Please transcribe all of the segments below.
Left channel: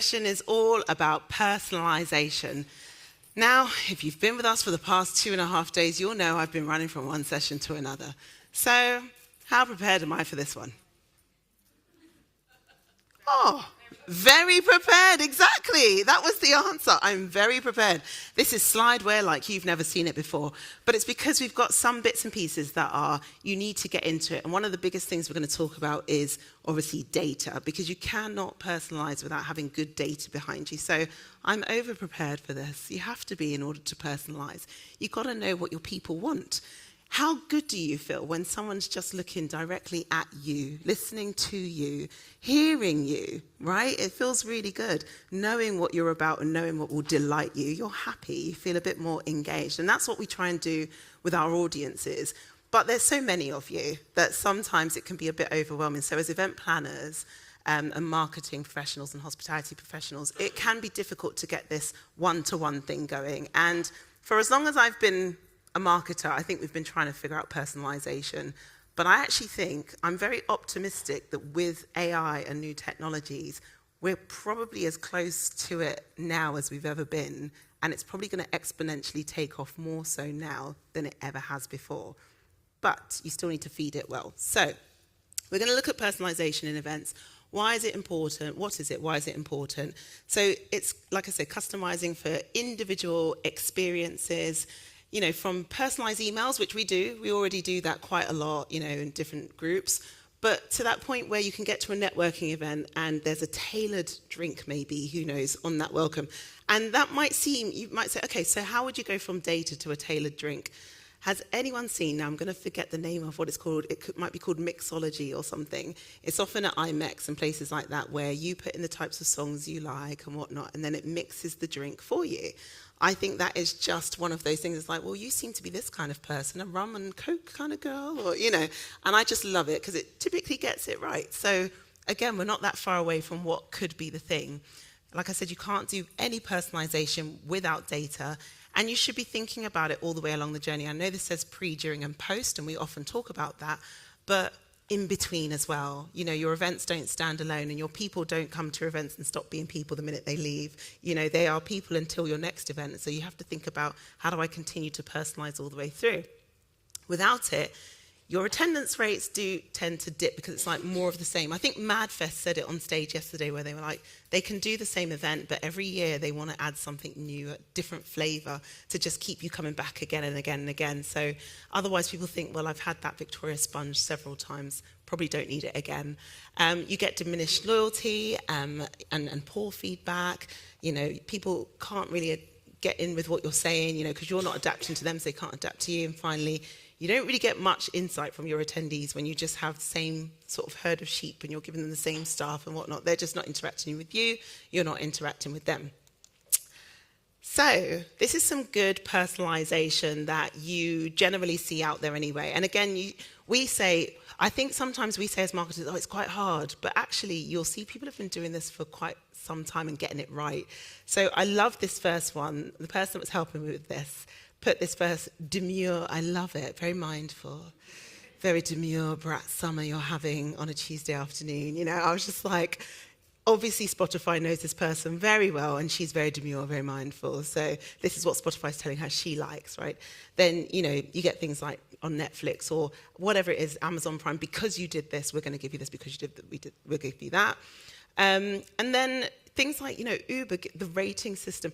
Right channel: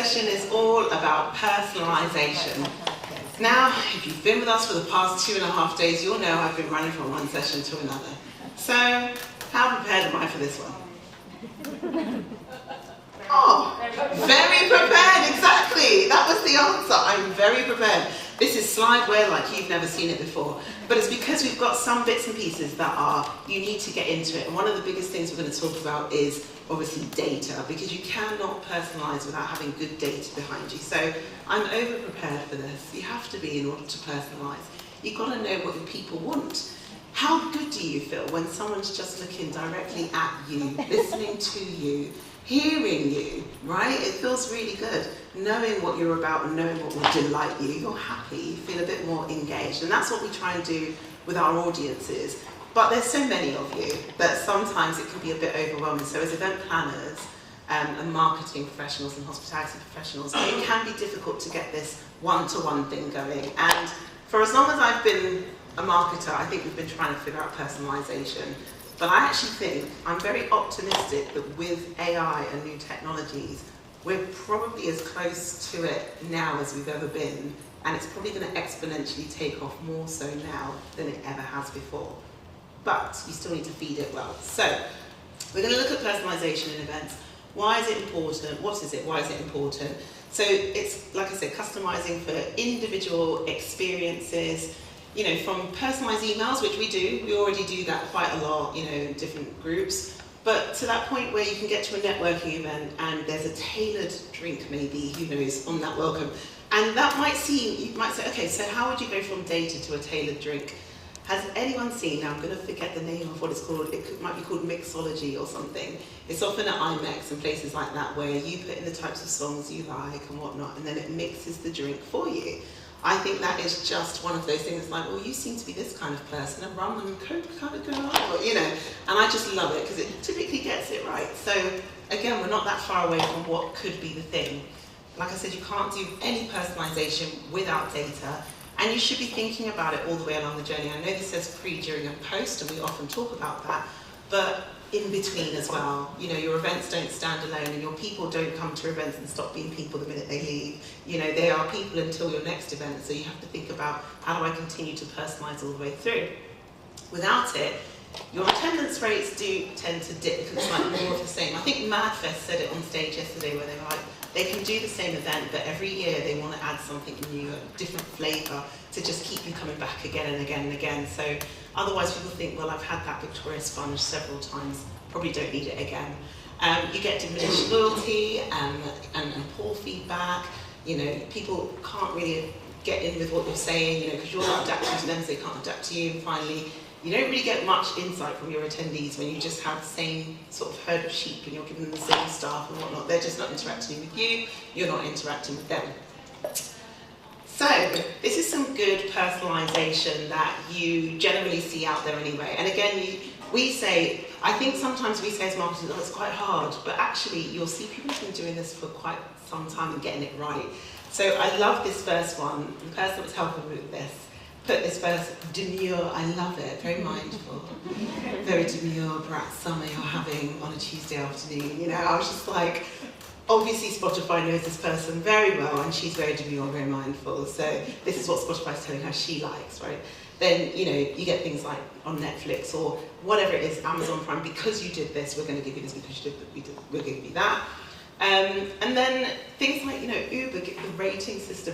session is all about personalisation. Now, if you've been with us for the past 2.5 days, you'll know I've been running from one session to another. So, how prepared am I for this one? Oh, very prepared, exactly. That was the answer. I'm very prepared. This is slideware like you've never seen it before. But it's because we've got some bits and pieces that you need to get into it. And one of the biggest things we're going to talk about is obviously data, because you cannot personalise without having good data behind you. So I'm over-prepared for this. You have to be in order to personalise. You've got to know what your people want. How good do you feel when someone's just looking directly at you, listening to you, hearing you, right? It feels really good. Knowing what you're about and knowing what will delight you, you're happy, you feel a bit more engaged. And that's what we try and do with our audiences. But there's so many of you that sometimes it can be a bit overwhelming. So as event planners and marketing professionals and hospitality professionals, it can be difficult to get this one-to-one thing going. And for as long as I've been a marketer, I think we've been trying to figure out personalisation. But I actually think I'm very optimistic that with AI and new technologies, we're probably as close to it now as we've ever been, and it's probably going to exponentially take off more so now than it ever has before. But you still need to feed it well. So we're going to look at personalisation in events. Why is it important? What is it? Why is it important? So it's, like I said, customising for individual experiences. You know, from personalised emails, which we already do that quite a lot, you know, in different groups, but to that point where you can get to a networking event and there's a tailored drink maybe, who knows, on that welcome. And that might seem, you might say, okay, so how would you go from data to a tailored drink? Has anyone seen, now I'm going to forget the name of what it's called, might be called mixology or something. It's often at IMEX and places like that where you put in the types of songs you like and whatnot, and then it mixes the drink for you. I think that is just one of those things. It's like, well, you seem to be this kind of person, a rum and coke kind of girl, or, you know. And I just love it because it typically gets it right. So again, we're not that far away from what could be the thing. Like I said, you can't do any personalisation without data, and you should be thinking about it all the way along the journey. I know this says pre, during, and post, and we often talk about that, but in between as well. You know, your events don't stand alone, and your people don't come to events and stop being people the minute they leave. You know, they are people until your next event, so you have to think about how do I continue to personalise all the way through. Without it, your attendance rates do tend to dip because it's like more of the same. I think MadFest said it on stage yesterday where they were like, they can do the same event, but every year they want to add something new, a different flavour, to just keep you coming back again and again and again. So otherwise people think, well, I've had that Victoria sponge several times, probably don't need it again. You get diminished loyalty and poor feedback. You know, people can't really get in with what you're saying, you know, because you're not adapting to them, so they can't adapt to you. And finally, you don't really get much insight from your attendees when you just have the same sort of herd of sheep and you're giving them the same stuff and whatnot. They're just not interacting with you, you're not interacting with them. So, this is some good personalisation that you generally see out there anyway. And again, we say, I think sometimes we say as marketers, oh, it's quite hard, but actually you'll see people have been doing this for quite some time and getting it right. So I love this first one. The person that was helping me with this put this first demure, I love it, very mindful, very demure brat summer you're having on a Tuesday afternoon. You know, I was just like, obviously Spotify knows this person very well and she's very demure, very mindful. So this is what Spotify's telling her she likes, right? Then, you know, you get things like on Netflix or whatever it is, Amazon Prime, because you did this, we're going to give you this, because you did that, we'll give you that. And then things like, you know, Uber, the rating system.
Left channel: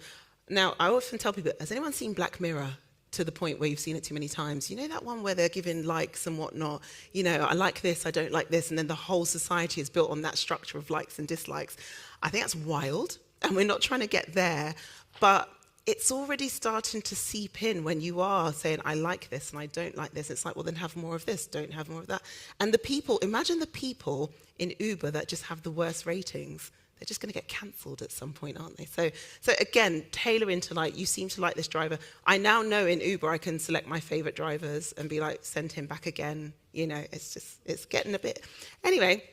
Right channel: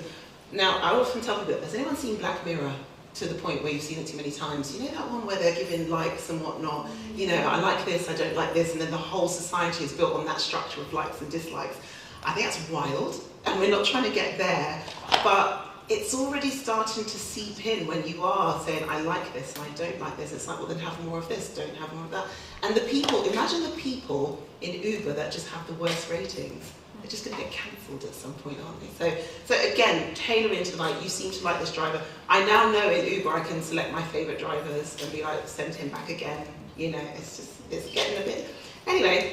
Now, I often tell people, has anyone seen Black Mirror to the point where you've seen it too many times? You know that one where they're giving likes and whatnot? You know, I like this, I don't like this, and then the whole society is built on that structure of likes and dislikes. I think that's wild, and we're not trying to get there, but it's already starting to seep in when you are saying, I like this and I don't like this. It's like, well, then have more of this, don't have more of that. And the people, imagine the people in Uber that just have the worst ratings. They're just going to get cancelled at some point, aren't they? So again, tailoring to like, you seem to like this driver. I now know in Uber I can select my favourite drivers and be like, send him back again. You know, it's getting a bit. Anyway,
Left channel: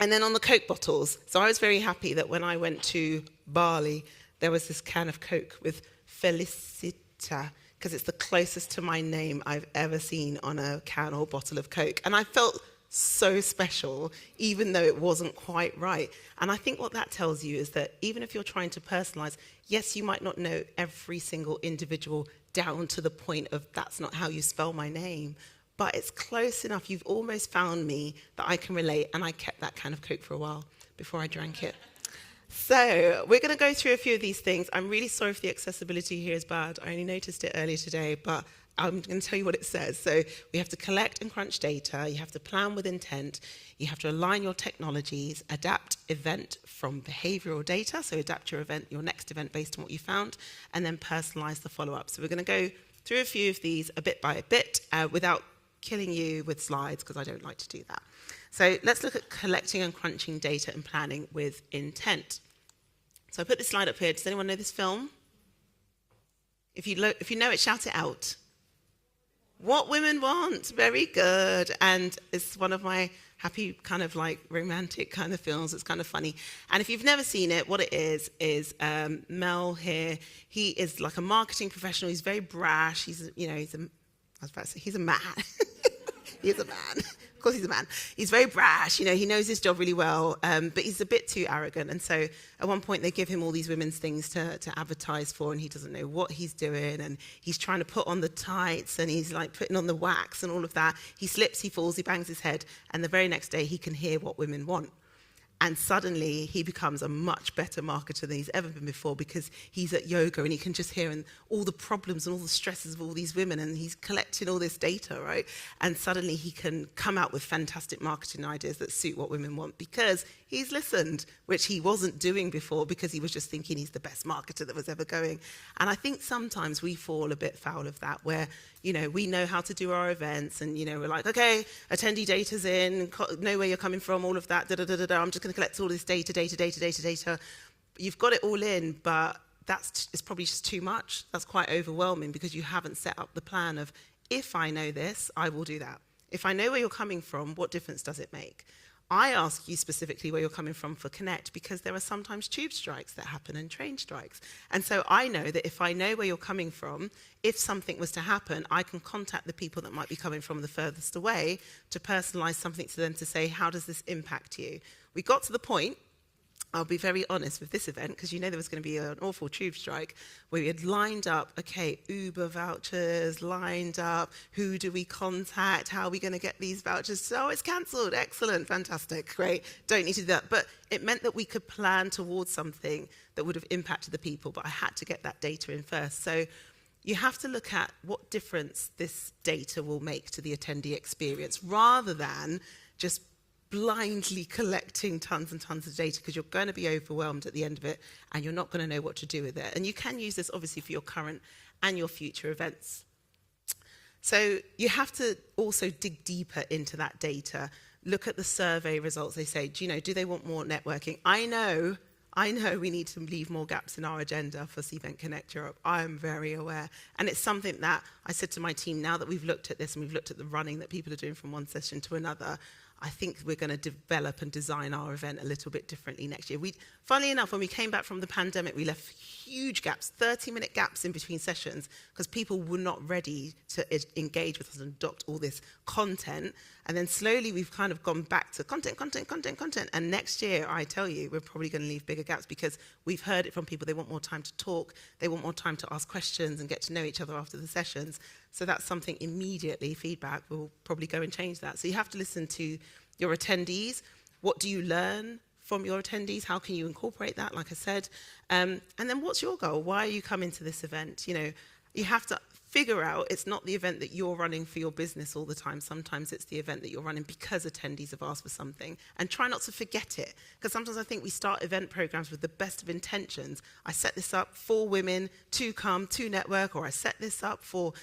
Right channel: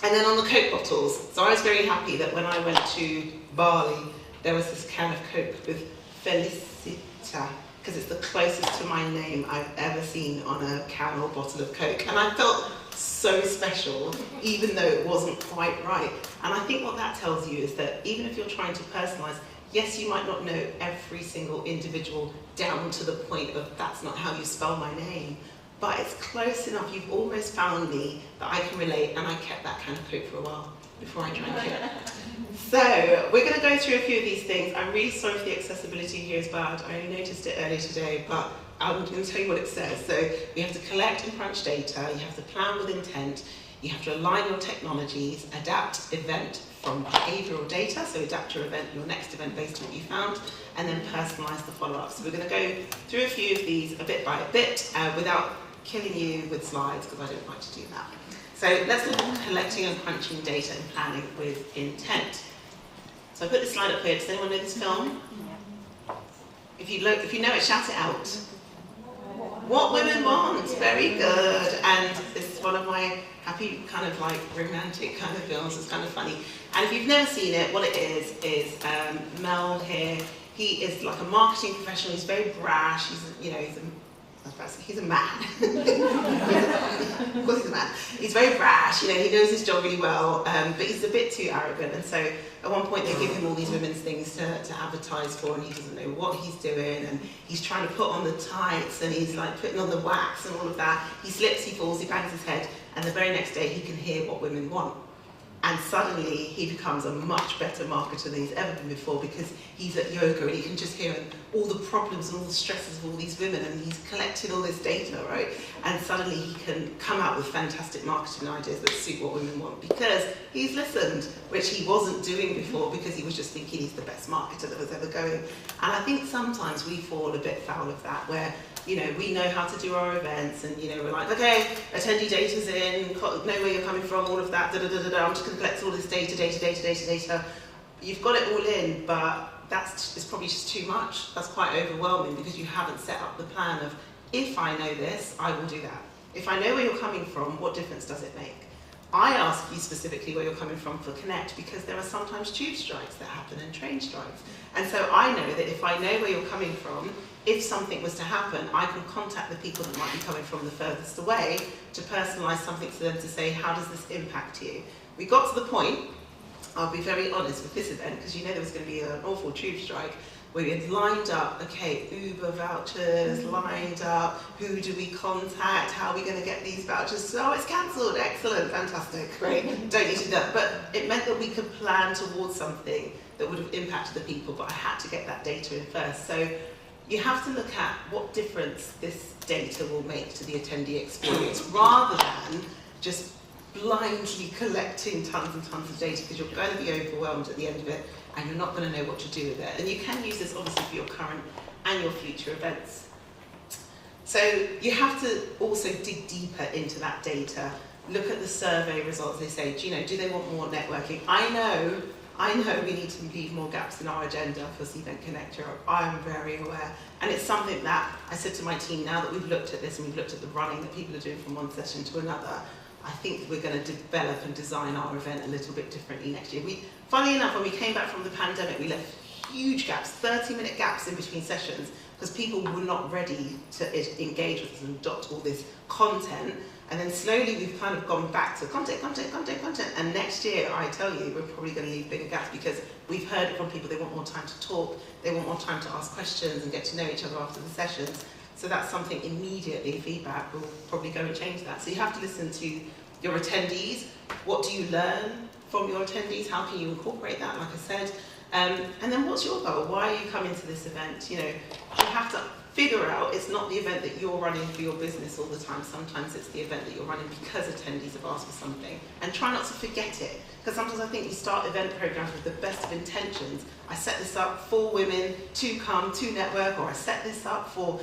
and then on the Coke bottles. So I was very happy that when I went to Bali, there was this can of Coke with Felicia, because it's the closest to my name I've ever seen on a can or bottle of Coke. And I felt so special, even though it wasn't quite right. And I think what that tells you is that even if you're trying to personalise, yes, you might not know every single individual down to the point of that's not how you spell my name, but it's close enough. You've almost found me that I can relate, and I kept that can of Coke for a while before I drank it. So we're going to go through a few of these things. I'm really sorry if the accessibility here is bad. I only noticed it earlier today, but I'm going to tell you what it says. So we have to collect and crunch data, you have to plan with intent, you have to align your technologies, adapt event from behavioural data, so adapt your event, your next event based on what you found, and then personalise the follow-up. So we're going to go through a few of these a bit by a bit without killing you with slides, because I don't like to do that. So let's look at collecting and crunching data and planning with intent. So I put this slide up here. Does anyone know this film? If you know it, shout it out. What Women Want. Very good. And this is one of my happy kind of like romantic kind of films. It's kind of funny. And if you've never seen it, what it is Mel here. He is like a marketing professional. He's very brash. He's a man. Of course he's a man. He's very brash, he knows his job really well, but he's a bit too arrogant. And so at one point they give him all these women's things to advertise for, and he doesn't know what he's doing, and he's trying to put on the tights, and he's like putting on the wax and all of that. He slips, he falls, he bangs his head, and the very next day he can hear what women want. And suddenly he becomes a much better marketer than he's ever been before, because he's at yoga and he can just hear all the problems and all the stresses of all these women, and he's collecting all this data, right? And suddenly he can come out with fantastic marketing ideas that suit what women want, because he's listened, which he wasn't doing before, because he was just thinking he's the best marketer that was ever going. And I think sometimes we fall a bit foul of that, where we know how to do our events, and we're like, okay, attendee data's in, know where you're coming from, all of that, I'm just going to collect all this data. You've got it all in, but it's probably just too much. That's quite overwhelming, because you haven't set up the plan of, if I know this, I will do that. If I know where you're coming from, what difference does it make? I ask you specifically where you're coming from for Connect, because there are sometimes tube strikes that happen and train strikes. And so I know that if I know where you're coming from, if something was to happen, I can contact the people that might be coming from the furthest away to personalise something to them, to say, how does this impact you? We got to the point, I'll be very honest with this event, because there was going to be an awful tube strike, where we had lined up, okay, Uber vouchers, lined up, who do we contact, how are we going to get these vouchers? So, it's cancelled, excellent, fantastic, great, don't need to do that. But it meant that we could plan towards something that would have impacted the people, but I had to get that data in first. So you have to look at what difference this data will make to the attendee experience, rather than just blindly collecting tons and tons of data, because you're going to be overwhelmed at the end of it, and you're not going to know what to do with it. And you can use this obviously for your current and your future events. So you have to also dig deeper into that data, look at the survey results. They say, do they want more networking? I know we need to leave more gaps in our agenda for Cvent Connect Europe. I'm very aware. And it's something that I said to my team, now that we've looked at this and we've looked at the running that people are doing from one session to another, I think we're going to develop and design our event a little bit differently next year. Funny enough, when we came back from the pandemic, we left huge gaps, 30-minute gaps in between sessions, because people were not ready to engage with us and adopt all this content. And then slowly we've kind of gone back to content. And next year, I tell you, we're probably going to leave bigger gaps, because we've heard from people they want more time to talk, they want more time to ask questions and get to know each other after the sessions. So that's something immediately, feedback will probably go and change that. So you have to listen to your attendees. What do you learn from your attendees? How can you incorporate that, like I said? And then what's your goal? Why are you coming to this event? You have to figure out it's not the event that you're running for your business all the time. Sometimes it's the event that you're running because attendees have asked for something. And try not to forget it. Because sometimes I think we start event programs with the best of intentions. I set this up for women to come to network, or I set this up for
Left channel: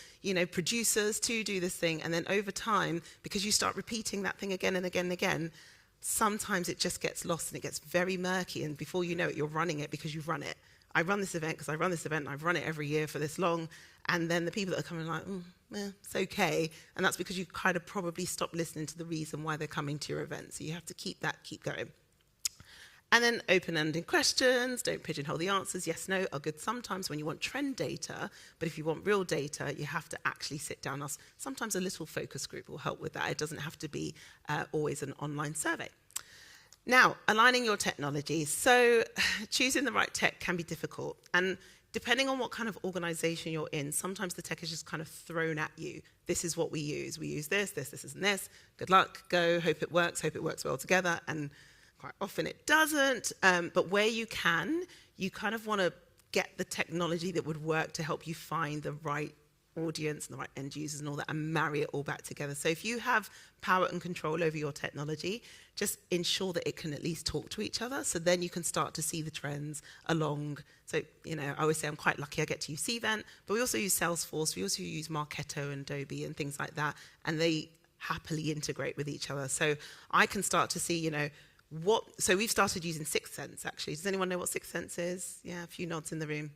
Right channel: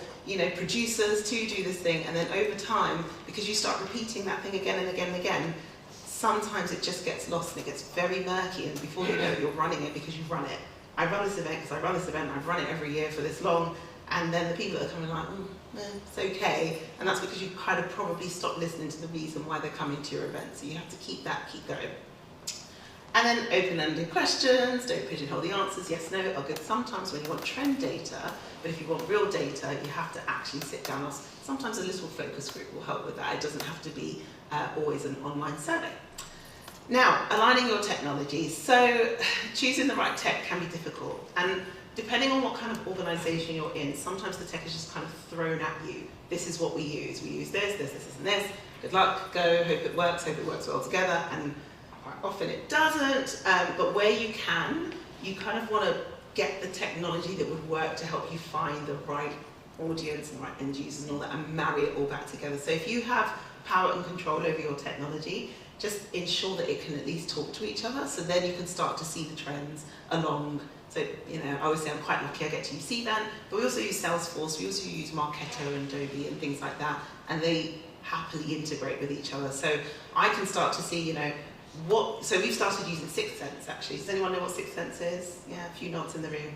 producers to do this thing, and then over time, because you start repeating that thing again and again and again, sometimes it just gets lost and it gets very murky, and before you know it, you're running it because you've run it. I run this event because I run this event, and I've run it every year for this long, and then the people that are coming are like, it's okay, and that's because you've kind of probably stopped listening to the reason why they're coming to your event, so you have to keep going. And then open-ended questions, don't pigeonhole the answers, yes, no, are good sometimes when you want trend data, but if you want real data, you have to actually sit down. Sometimes a little focus group will help with that. It doesn't have to be always an online survey. Now, aligning your technologies. So choosing the right tech can be difficult, and depending on what kind of organisation you're in, sometimes the tech is just kind of thrown at you. This is what we use. We use this, and this. Good luck, go, hope it works well together, and quite often it doesn't. But where you can, you kind of want to get the technology that would work to help you find the right audience and the right end users and all that, and marry it all back together. So if you have power and control over your technology, just ensure that it can at least talk to each other, so then you can start to see the trends along. So, I always say I'm quite lucky I get to use Cvent, but we also use Salesforce, we also use Marketo and Adobe and things like that, and they happily integrate with each other. So I can start to see, so we've started using Sixth Sense actually. Does anyone know what Sixth Sense is? Yeah, a few nods in the room.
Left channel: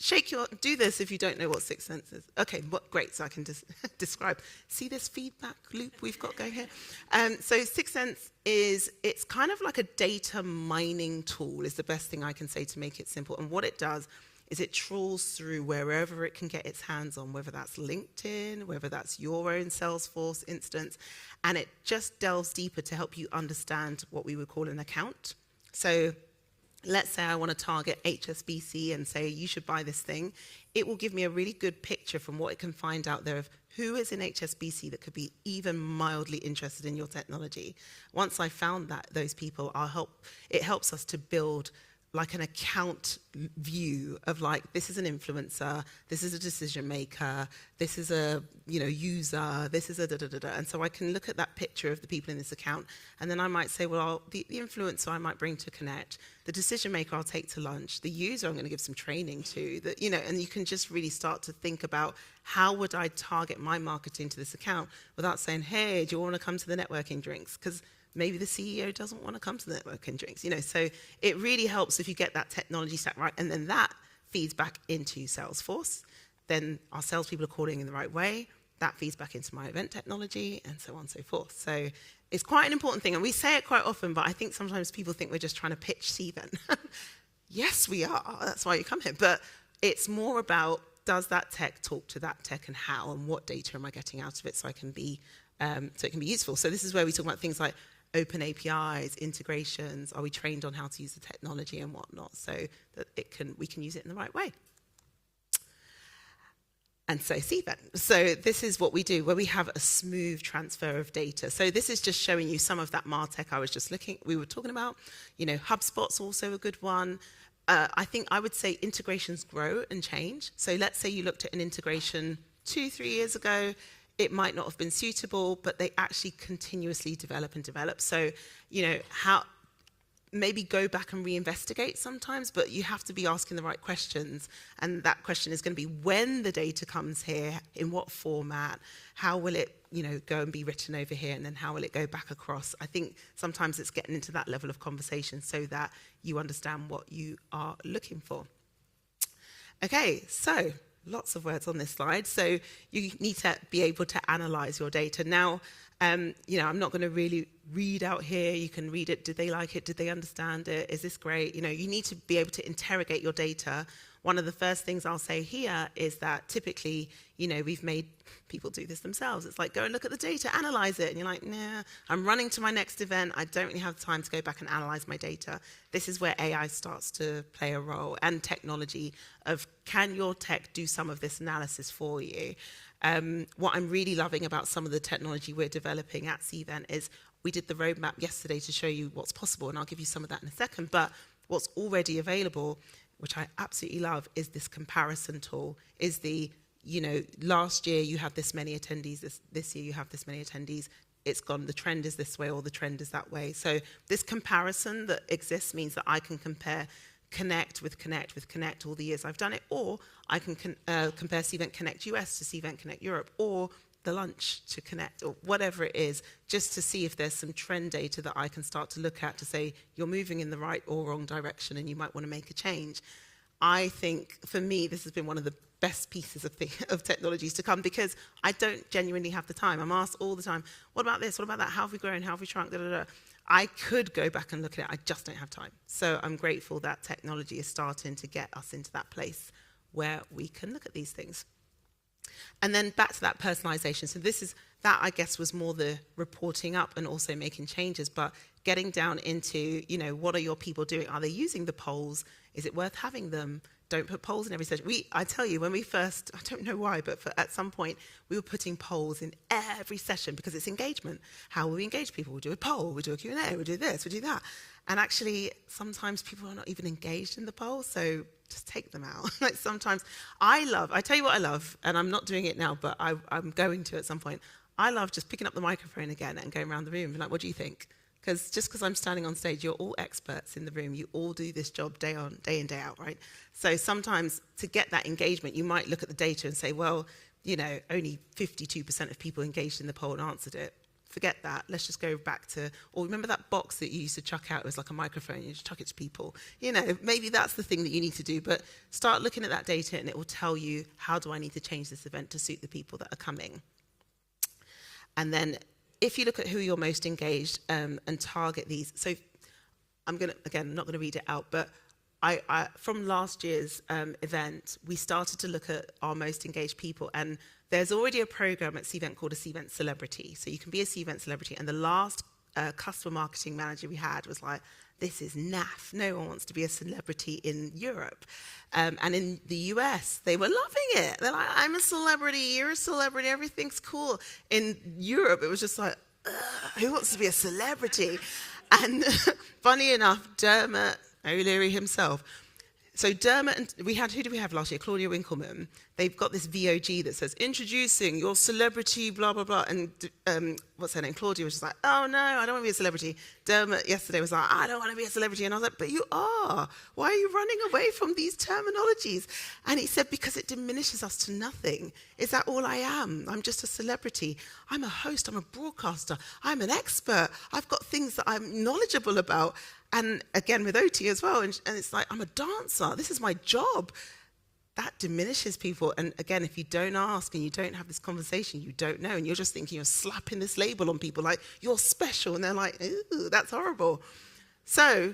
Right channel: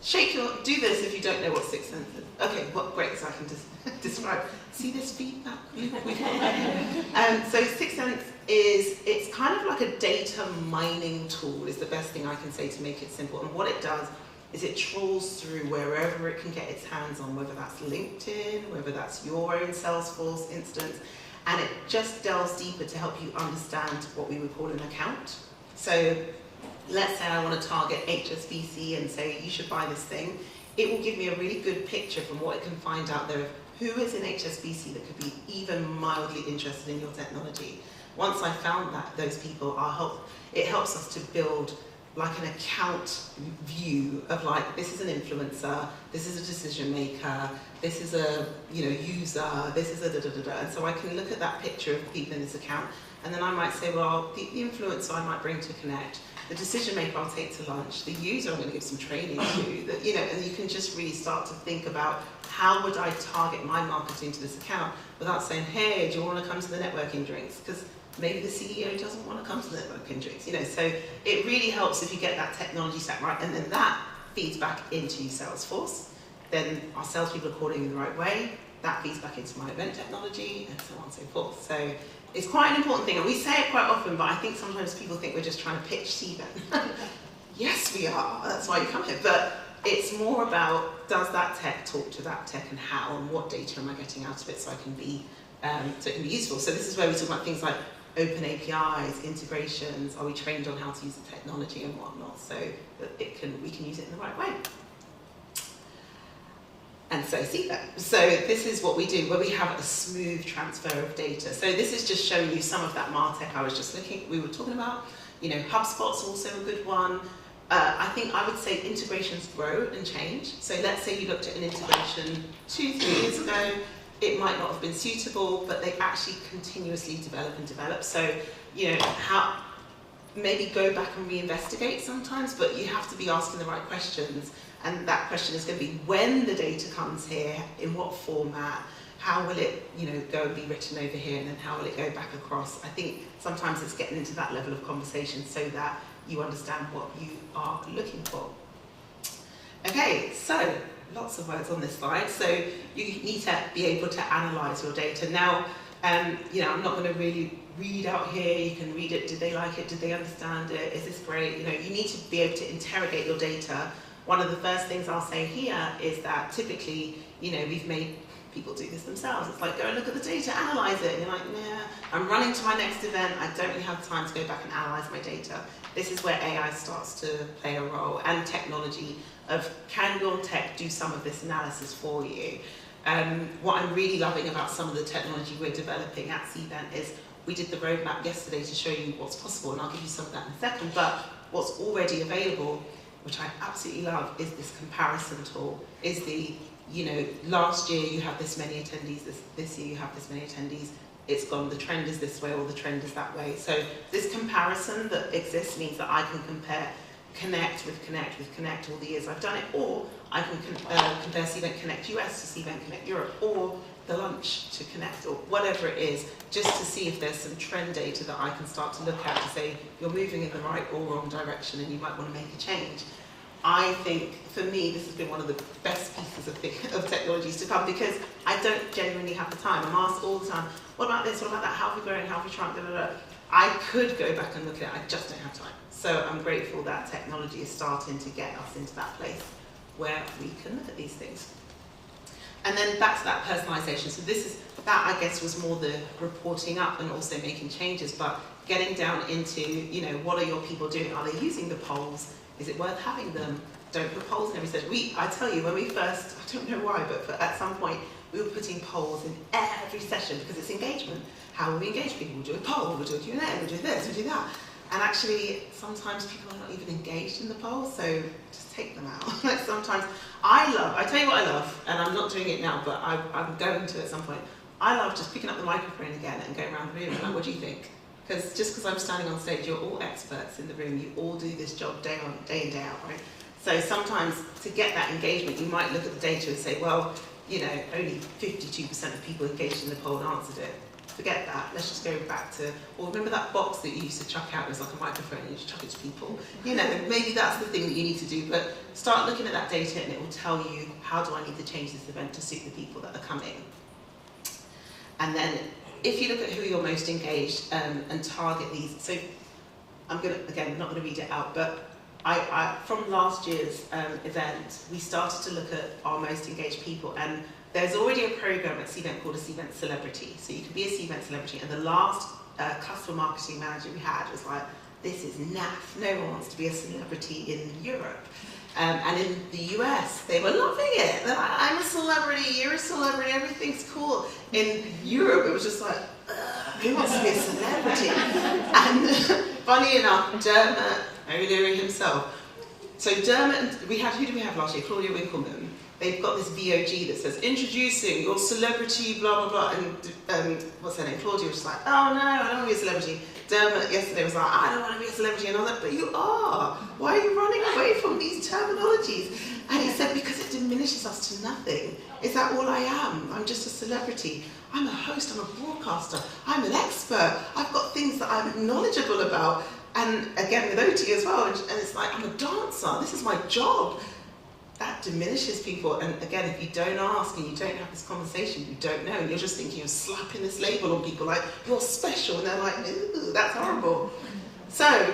Do this if you don't know what Sixth Sense is. Okay, well, great, so I can just describe. See this feedback loop we've got there? So Sixth Sense it's kind of like a data mining tool is the best thing I can say to make it simple. And what it does is it trawls through wherever it can get its hands on, whether that's LinkedIn, whether that's your own Salesforce instance, and it just delves deeper to help you understand what we would call an account. So let's say I want to target HSBC and say you should buy this thing. It will give me a really good picture from what it can find out there of who is in HSBC that could be even mildly interested in your technology. Once I found those people, it helps us to build like an account view of like, this is an influencer, this is a decision maker, this is a user, this is a da-da-da-da. And so I can look at that picture of the people in this account, and then I might say, well, the influencer I might bring to connect, the decision maker I'll take to lunch, the user I'm going to give some training to, and you can just really start to think about how would I target my marketing to this account without saying, hey, do you want to come to the networking drinks? Because maybe the CEO doesn't want to come to the networking drinks, so it really helps if you get that technology stack right, and then that feeds back into Salesforce. Then our salespeople are calling in the right way, that feeds back into my event technology, and so on and so forth. So it's quite an important thing, and we say it quite often, but I think sometimes people think we're just trying to pitch Cvent. Yes, we are, that's why you come here, but it's more about, does that tech talk to that tech, and how, and what data am I getting out of it so it can be useful. So this is where we talk about things like open APIs, integrations, are we trained on how to use the technology and whatnot, so that we can use it in the right way. And so Cvent. So this is what we do, where we have a smooth transfer of data. So this is just showing you some of that MarTech we were talking about. HubSpot's also a good one. I would say integrations grow and change. So let's say you looked at an integration 2-3 years ago, it might not have been suitable, but they actually continuously develop. So, maybe go back and reinvestigate sometimes, but you have to be asking the right questions. And that question is going to be, when the data comes here, in what format, how will it, go and be written over here, and then how will it go back across? I think sometimes it's getting into that level of conversation so that you understand what you are looking for. Okay, so lots of words on this slide. So you need to be able to analyze your data. Now, I'm not going to really read out here. You can read it. Did they like it? Did they understand it? Is this great? You need to be able to interrogate your data. One of the first things I'll say here is that typically, we've made people do this themselves. It's like, go and look at the data, analyze it. And you're like, nah, I'm running to my next event. I don't really have time to go back and analyze my data. This is where AI starts to play a role, and technology of, can your tech do some of this analysis for you? What I'm really loving about some of the technology we're developing at Cvent is, we did the roadmap yesterday to show you what's possible, and I'll give you some of that in a second, but what's already available, which I absolutely love, is this comparison tool, is the, last year you have this many attendees, this year you have this many attendees, it's gone, the trend is this way, or the trend is that way. So this comparison that exists means that I can compare Connect with Connect all the years I've done it, or I can compare Cvent Connect US to Cvent Connect Europe, or the lunch to Connect, or whatever it is, just to see if there's some trend data that I can start to look at to say, you're moving in the right or wrong direction and you might want to make a change. I think, for me, this has been one of the best pieces of technologies to come, because I don't genuinely have the time. I'm asked all the time, what about this, what about that, how have we grown, how have we shrunk, blah, blah, blah. I could go back and look at it, I just don't have time. So I'm grateful that technology is starting to get us into that place where we can look at these things. And then back to that personalisation. So this is that I guess was more the reporting up and also making changes, but getting down into, what are your people doing? Are they using the polls? Is it worth having them? Don't put polls in every session. I tell you, when we first, I don't know why, but at some point, we were putting polls in every session because it's engagement. How will we engage people? We'll do a poll, we'll do a Q&A, we'll do this, we'll do that. And actually, sometimes people are not even engaged in the poll, so just take them out. Sometimes, I tell you what I love, and I'm not doing it now, but I'm going to at some point. I love just picking up the microphone again and going around the room and like, what do you think? Because just because I'm standing on stage, you're all experts in the room, you all do this job day in, day out, right? So sometimes to get that engagement, you might look at the data and say, well, only 52% of people engaged in the poll answered it. Forget that, let's just go back to, or remember that box that you used to chuck out as like a microphone and you just chuck it to people? Maybe that's the thing that you need to do, but start looking at that data and it will tell you, how do I need to change this event to suit the people that are coming? And then, if you look at who you're most engaged and target these, so I'm not going to read it out, but from last year's event, we started to look at our most engaged people, and there's already a program at Cvent called a Cvent Celebrity. So you can be a Cvent Celebrity, and the last customer marketing manager we had was like, this is naff, no one wants to be a celebrity in Europe. And in the US, they were loving it. They're like, I'm a celebrity, you're a celebrity, everything's cool. In Europe, it was just like, who wants to be a celebrity? And funny enough, Dermot O'Leary himself. So Dermot, who did we have last year? Claudia Winkleman. They've got this VOG that says, introducing your celebrity, blah, blah, blah. And what's her name? Claudia was just like, oh no, I don't want to be a celebrity. Dermot yesterday was like, I don't want to be a celebrity. And I was like, but you are. Why are you running away from these terminologies? And he said, because it diminishes us to nothing. Is that all I am? I'm just a celebrity. I'm a host, I'm a broadcaster, I'm an expert. I've got things that I'm knowledgeable about. And again, with OT as well. And it's like, I'm a dancer. This is my job. That diminishes people, and again, if you don't ask and you don't have this conversation, you don't know. You're just thinking you're slapping this label on people like, you're special, and they're like, ooh, that's horrible. So,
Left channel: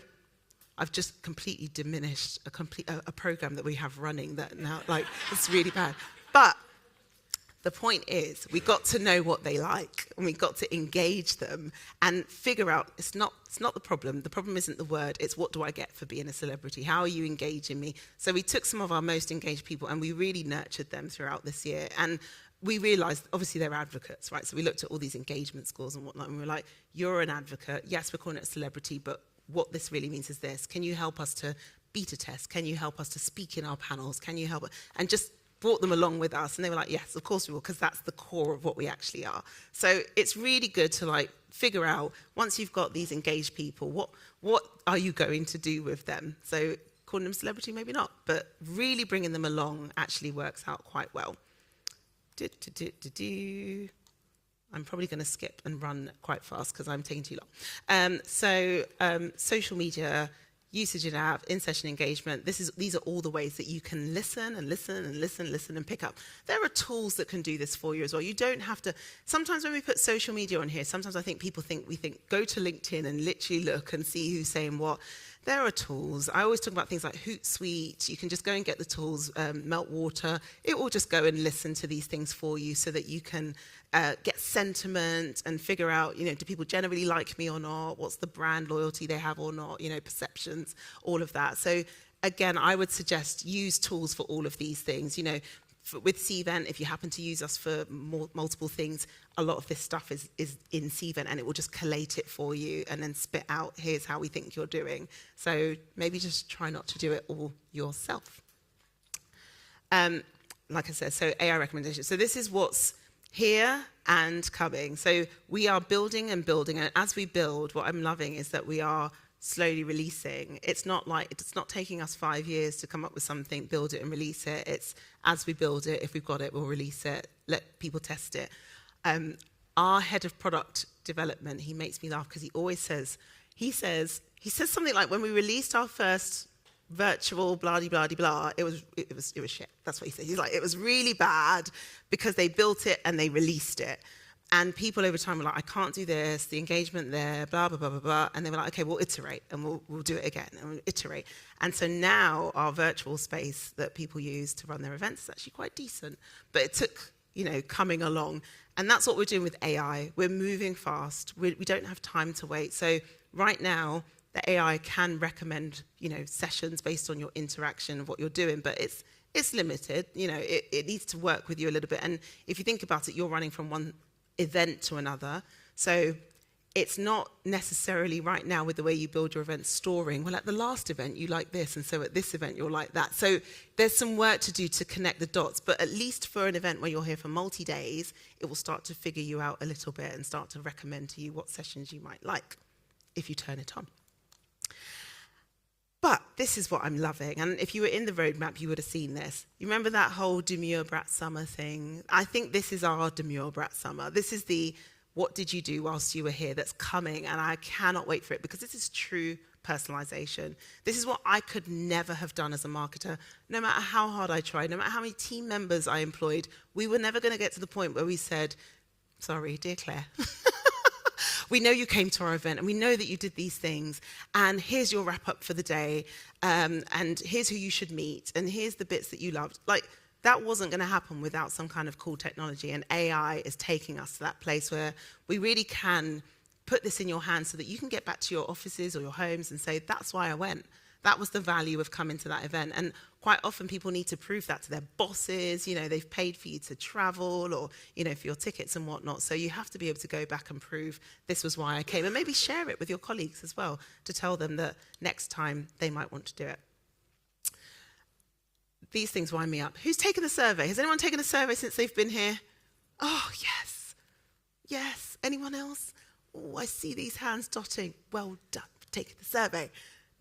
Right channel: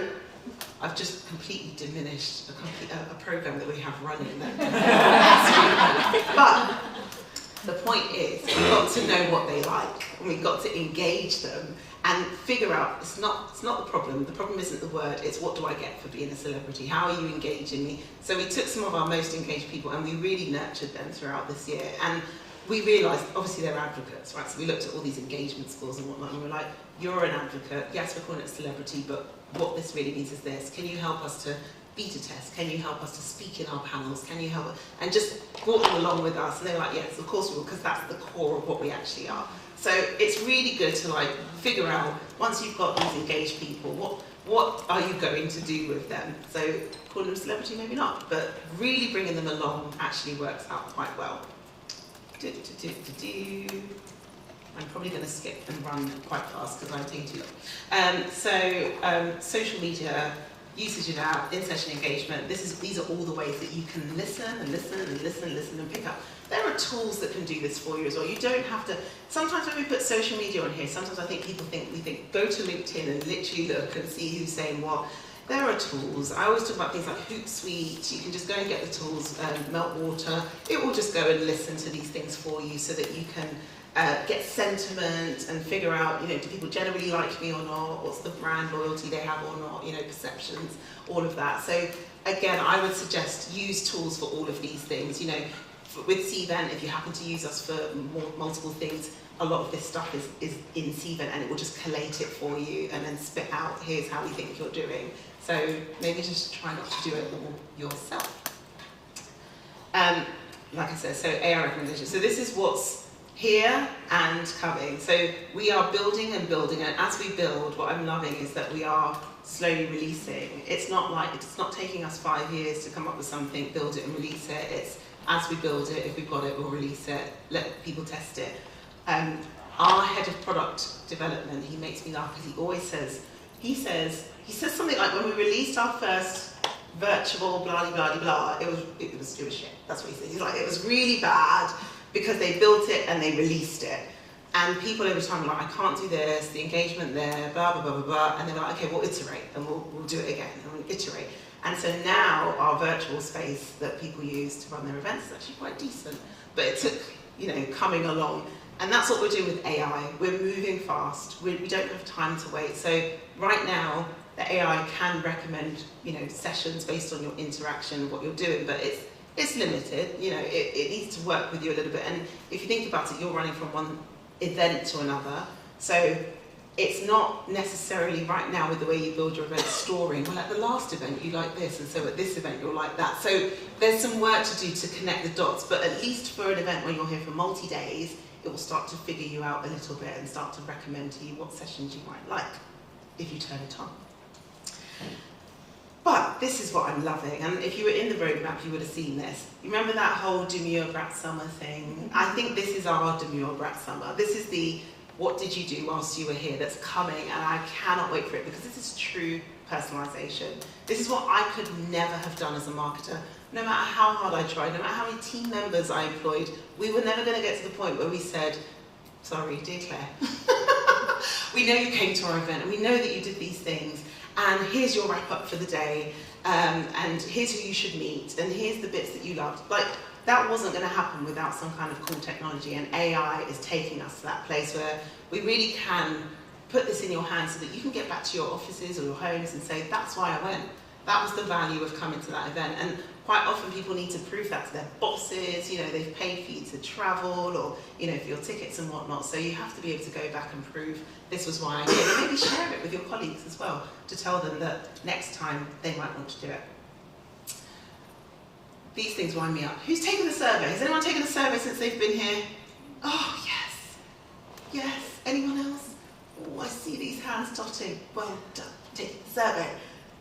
I've just completely diminished a program that we have running. But the point is, we've got to know what they like, and we've got to engage them and figure out, it's not the problem. The problem isn't the word, it's what do I get for being a celebrity? How are you engaging me? So we took some of our most engaged people and we really nurtured them throughout this year. And we realised, obviously they're advocates, right? So we looked at all these engagement scores and whatnot, and we were like, you're an advocate, yes, we're calling it celebrity, but what this really means is this. Can you help us to beta test? Can you help us to speak in our panels? Can you help us? And just brought them along with us, and they were like, yes, of course we will, because that's the core of what we actually are. So it's really good to figure out, once you've got these engaged people, what are you going to do with them? So calling them celebrity, maybe not, but really bringing them along actually works out quite well. I'm probably going to skip and run quite fast because I'm taking too long. Social media, usage and out, in-session engagement, these are all the ways that you can listen and listen and listen and listen and pick up. There are tools that can do this for you as well. You don't have to, sometimes when we put social media on here, sometimes I think people think, go to LinkedIn and literally look and see who's saying what. There are tools. I always talk about things like Hootsuite. You can just go and get the tools, Meltwater. It will just go and listen to these things for you so that you can get sentiment and figure out, do people generally like me or not? What's the brand loyalty they have or not? Perceptions, all of that. So again, I would suggest use tools for all of these things. With Cvent, if you happen to use us for multiple things, a lot of this stuff is in Cvent, and it will just collate it for you and then spit out, here's how we think you're doing. So maybe just try not to do it all yourself. Like I said, so AI recommendations. So this is what's here and coming. So we are building and building, and as we build, what I'm loving is that we are slowly releasing. It's not taking us 5 years to come up with something, build it and release it. It's as we build it, if we've got it, we'll release it, let people test it. Our head of product development, he makes me laugh because he always says something like, when we released our first virtual blah blah blah, it was shit. That's what he says. He's like, it was really bad because they built it and they released it. And people every time were like, I can't do this, the engagement there, blah blah blah blah blah. And they were like, okay, we'll iterate and we'll do it again and we'll iterate. And so now our virtual space that people use to run their events is actually quite decent. But it took, coming along. And that's what we're doing with AI. We're moving fast. We don't have time to wait. So right now, the AI can recommend, sessions based on your interaction, what you're doing, but it's limited. It needs to work with you a little bit. And if you think about it, you're running from one event to another. So it's not necessarily right now with the way you build your event storing, but at the last event you like this, and so at this event you're like that. So there's some work to do to connect the dots, but at least for an event when you're here for multi-days, it will start to figure you out a little bit and start to recommend to you what sessions you might like if you turn it on. But this is what I'm loving, and if you were in the roadmap you would have seen this. You remember that whole Demure Brat Summer thing? I think this is our Demure Brat Summer. This is the what did you do whilst you were here that's coming, and I cannot wait for it because this is true personalisation. This is what I could never have done as a marketer. No matter how hard I tried, no matter how many team members I employed, we were never going to get to the point where we said, sorry, dear Claire, we know you came to our event, and we know that you did these things, and here's your wrap up for the day, and here's who you should meet, and here's the bits that you loved. Like, that wasn't going to happen without some kind of cool technology, and AI is taking us to that place where we really can put this in your hands so that you can get back to your offices or your homes and say, that's why I went. That was the value of coming to that event. And quite often people need to prove that to their bosses, they've paid for you to travel, or, for your tickets and whatnot. So you have to be able to go back and prove this was why I came. And maybe share it with your colleagues as well to tell them that next time they might want to do it. These things wind me up. Who's taken the survey? Has anyone taken the survey since they've been here? Oh, yes. Yes. Anyone else? Oh, I see these hands dotting. Well done. Take the survey.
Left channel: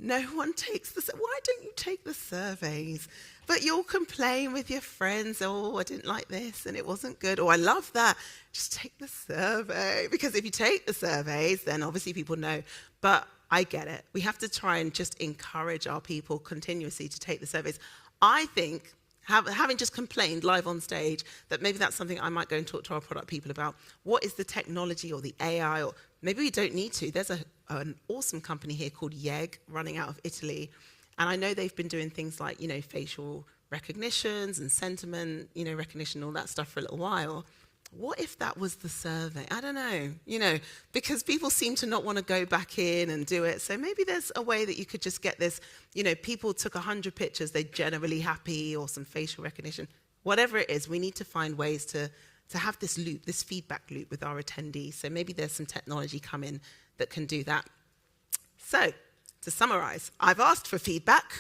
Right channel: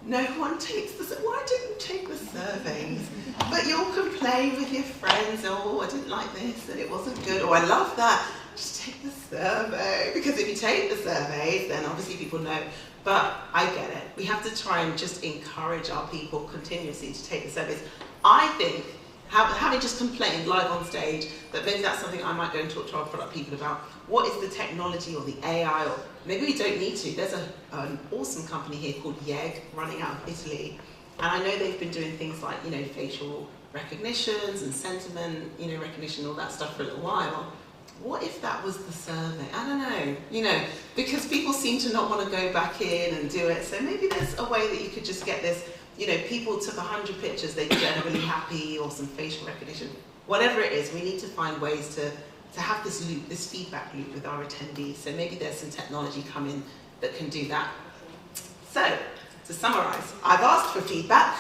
No one takes the survey. Why don't you take the surveys? But you'll complain with your friends. Oh, I didn't like this and it wasn't good. Oh, I love that. Just take the survey. Because if you take the surveys, then obviously people know. But I get it. We have to try and just encourage our people continuously to take the surveys. I think, having just complained live on stage, that maybe that's something I might go and talk to our product people about. What is the technology or the AI? Or maybe we don't need to. There's an awesome company here called YEG running out of Italy. And I know they've been doing things like, facial recognitions and sentiment, recognition, all that stuff for a little while. What if that was the survey? I don't know, because people seem to not want to go back in and do it. So maybe there's a way that you could just get this. People took 100 pictures, they're generally happy, or some facial recognition. Whatever it is, we need to find ways to have this loop, this feedback loop with our attendees. So maybe there's some technology coming that can do that. So, to summarise, I've asked for feedback.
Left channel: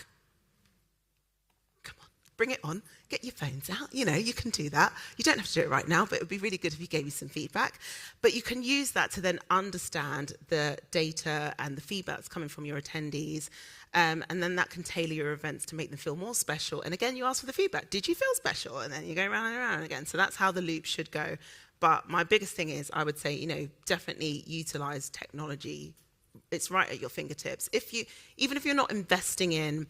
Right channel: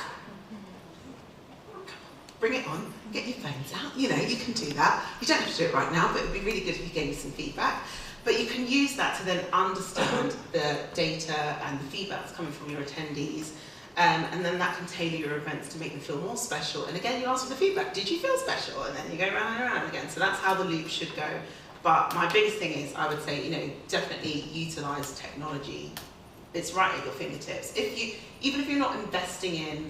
Bring it on, get your phones out. You can do that. You don't have to do it right now, but it would be really good if you gave me some feedback. But you can use that to then understand the data and the feedback that's coming from your attendees. And then that can tailor your events to make them feel more special. And again, you ask for the feedback. Did you feel special? And then you go round and around again. So that's how the loop should go. But my biggest thing is, I would say, definitely utilise technology. It's right at your fingertips. Even if you're not investing in,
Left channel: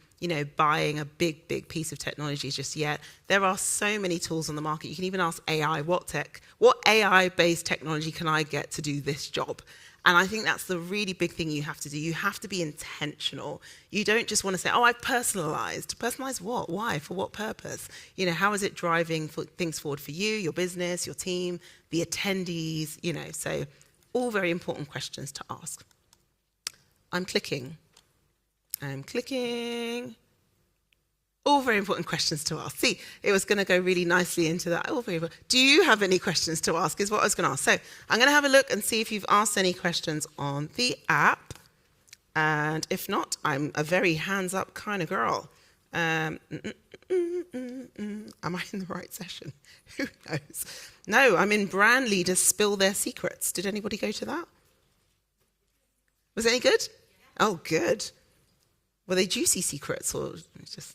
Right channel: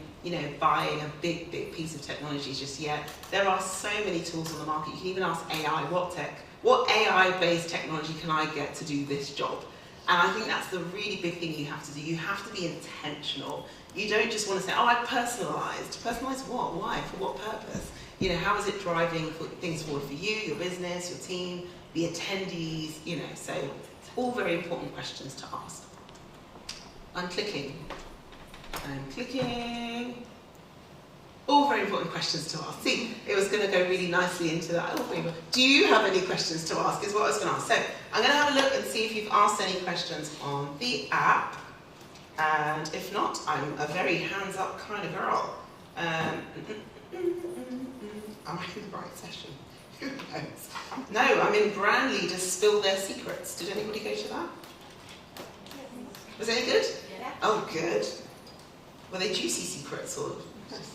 buying a big piece of technology just yet, there are so many tools on the market. You can even ask AI, what AI-based technology can I get to do this job? And I think that's the really big thing you have to do. You have to be intentional. You don't just want to say, oh, I've personalised. Personalised what? Why? For what purpose? How is it driving things forward for you, your business, your team, the attendees, so all very important questions to ask. I'm clicking. All very important questions to ask. See, it was going to go really nicely into that. Oh, very well. Do you have any questions to ask is what I was going to ask. So I'm going to have a look and see if you've asked any questions on the app. And if not, I'm a very hands-up kind of girl. Am I in the right session? Who knows? No, I'm in Brand Leaders Spill Their Secrets. Did anybody go to that? Was it any good? Yeah. Oh, good. Were they juicy secrets or just...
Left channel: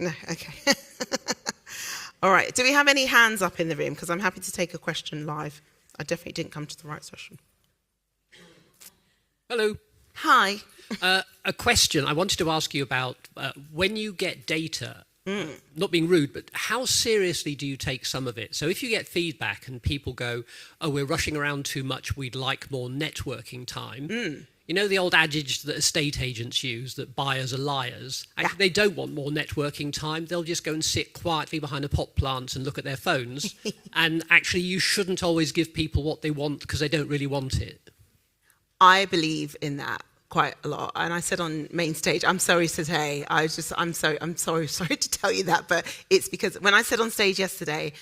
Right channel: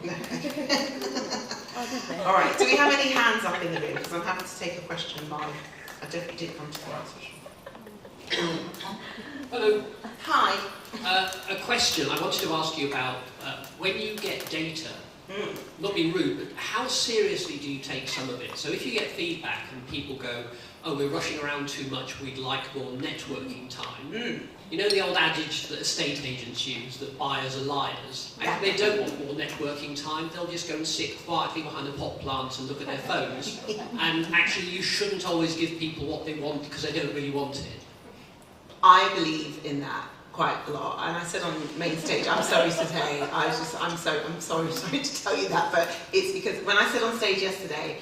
No, okay. All right, do we have any hands up in the room? Because I'm happy to take a question live. I definitely didn't come to the right session. Hello. Hi. A question I wanted to ask you about when you get data, not being rude, but how seriously do you take some of it? So if you get feedback and people go, oh, we're rushing around too much, we'd like more networking time. You know the old adage that estate agents use, that buyers are liars? Actually, they don't want more networking time, they'll just go and sit quietly behind a pot plant and look at their phones. And actually, you shouldn't always give people what they want because they don't really want it. I believe in that quite a lot, and I said on main stage, I'm sorry to say, I'm sorry to tell you that, but it's because when I said on stage yesterday,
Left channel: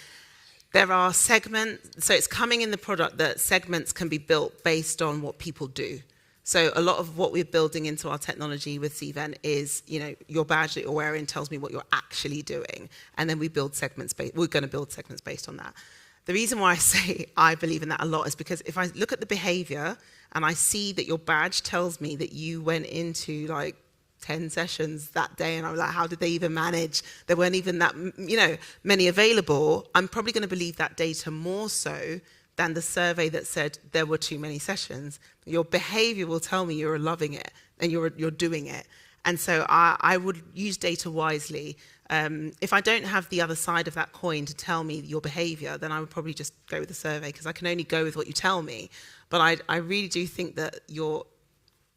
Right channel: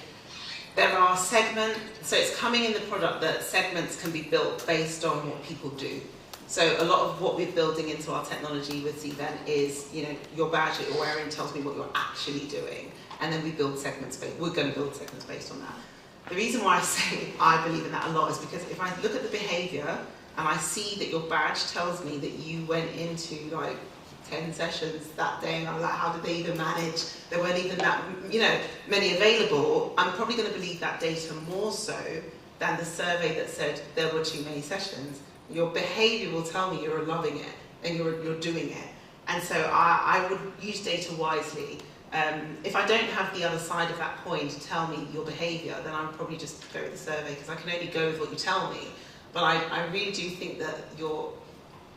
there are segments, so it's coming in the product that segments can be built based on what people do. So a lot of what we're building into our technology with Cvent is, you know, your badge that you're wearing tells me what you're actually doing, and then we build segments based. We're going to build segments based on that. The reason why I say I believe in that a lot is because if I look at the behaviour and I see that your badge tells me that you went into like 10 sessions that day, and I'm like, how did they even manage? There weren't even that, you know, many available. I'm probably going to believe that data more so than the survey that said there were too many sessions. Your behaviour will tell me you're loving it and you're doing it. And so I would use data wisely. If I don't have the other side of that coin to tell me your behaviour, then I would probably just go with the survey, because I can only go with what you tell me. But I really do think that you're,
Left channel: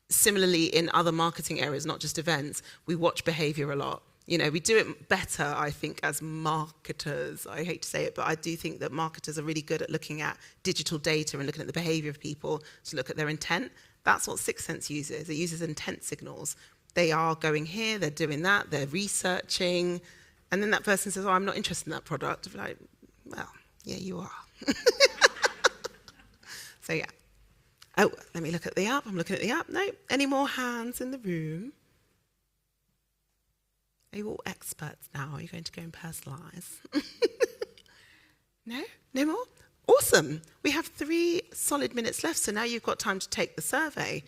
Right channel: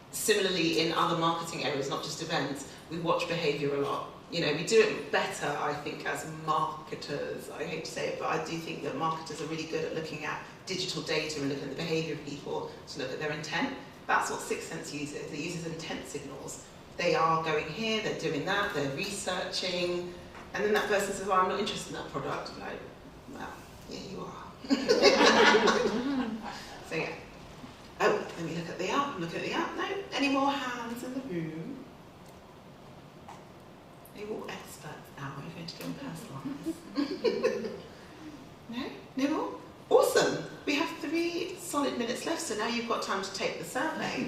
similarly in other marketing areas, not just events, we watch behaviour a lot. You know, we do it better, I think, as marketers. I hate to say it, but I do think that marketers are really good at looking at digital data and looking at the behaviour of people to look at their intent. That's what Sixth Sense uses. It uses intent signals. They are going here, they're doing that, they're researching, and then that person says, oh, I'm not interested in that product. I'm like, well, yeah, you are. So yeah. Oh, let me look at the app. I'm looking at the app. No, any more hands in the room? Are you all experts now? Are you going to go and personalise? No? No more? Awesome. We have 3 solid minutes left, so now you've got time to take the survey.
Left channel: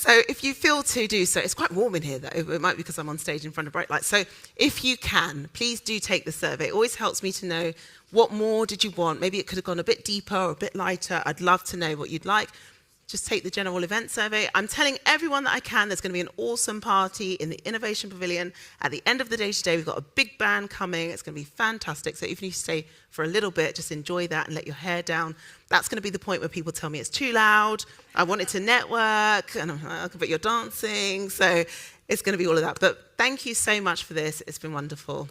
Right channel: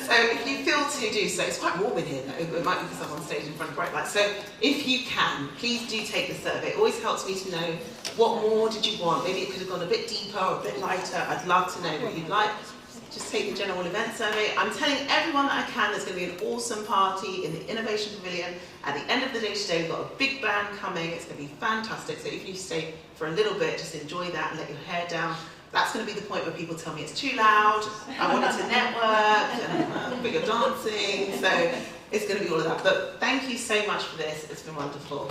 So if you feel to do so, it's quite warm in here though, it might be because I'm on stage in front of bright lights. So if you can, please do take the survey. It always helps me to know what more did you want. Maybe it could have gone a bit deeper or a bit lighter. I'd love to know what you'd like. Just take the general event survey. I'm telling everyone that I can there's going to be an awesome party in the Innovation Pavilion. At the end of the day today, we've got a big band coming. It's going to be fantastic. So if you stay for a little bit, just enjoy that and let your hair down. That's going to be the point where people tell me it's too loud, I wanted to network, but you're dancing. So it's going to be all of that. But thank you so much for this. It's been wonderful.